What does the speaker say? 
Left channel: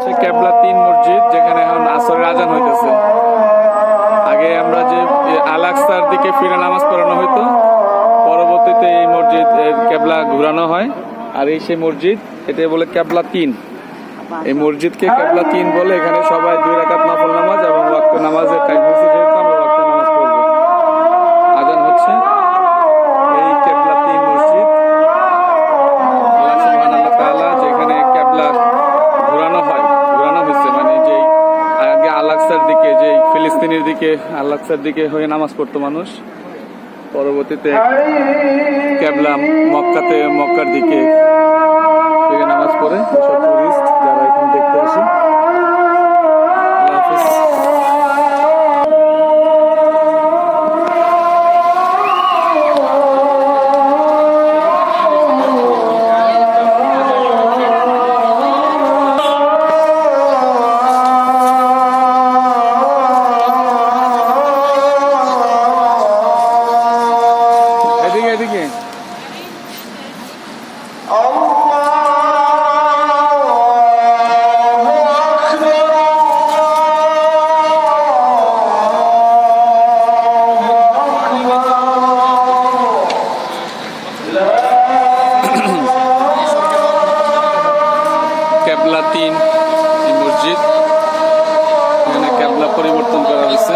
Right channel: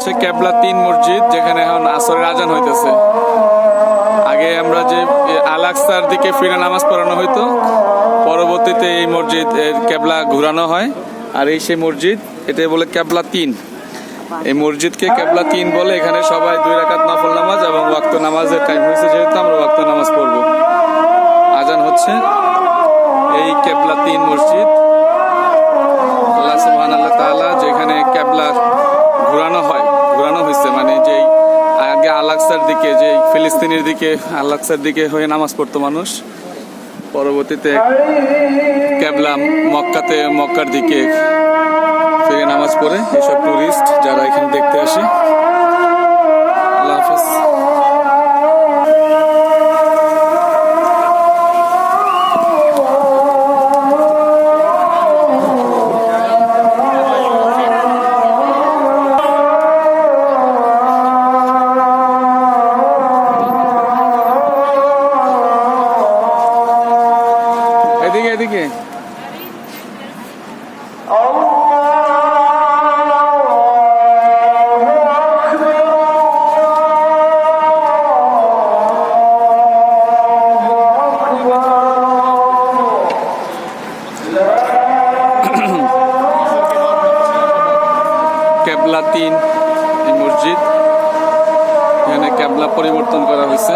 হচ্ছে কেবলা 3 মসজিদ, যেখানে এখন আসরের আজান হইতেছে। আগে আমরা যে আল আকসার দিকে ফিরে নামাজ পড়ানো হইতো, পরবর্তীতে এই মসজিদ এর কেবলা ঘুরানো হয়। আর এই সেই মসজিদ, এটাই বলে কেবলা 3। এই মসজিদকে কেবলা 3 বলে। এখানে সবাই 2 রাকাত নফল নামাজ এবং ওয়াক্ত নামাজের টাইম হয়েছে, যেহেতু আমরা ওয়াক্ত নামাজ পড়বো। আজান হচ্ছে এই কেবলা 3 মসজিদ। আল্লাহ সুবহানাহু তাআলা যেখানে কেবলা ঘোরানো হয়েছে, মানে যে আগে আল আকসার দিকে, যে ফিলিস্তিনের দিকে আল আকসার দিকে হয়ে নামাজ পড়তো মানুষ, পরবর্তীতে কেবলা মক্কার দিকে ফিরে নামাজ পড়ে এসব টুরিস্ট যারা এখানে দেখতে আসে। আল্লাহ হাফেজ। এদিকে কেবলা 3 এই মসজিদ, এখানে কেবলা পরিবর্তন করা হয়েছে।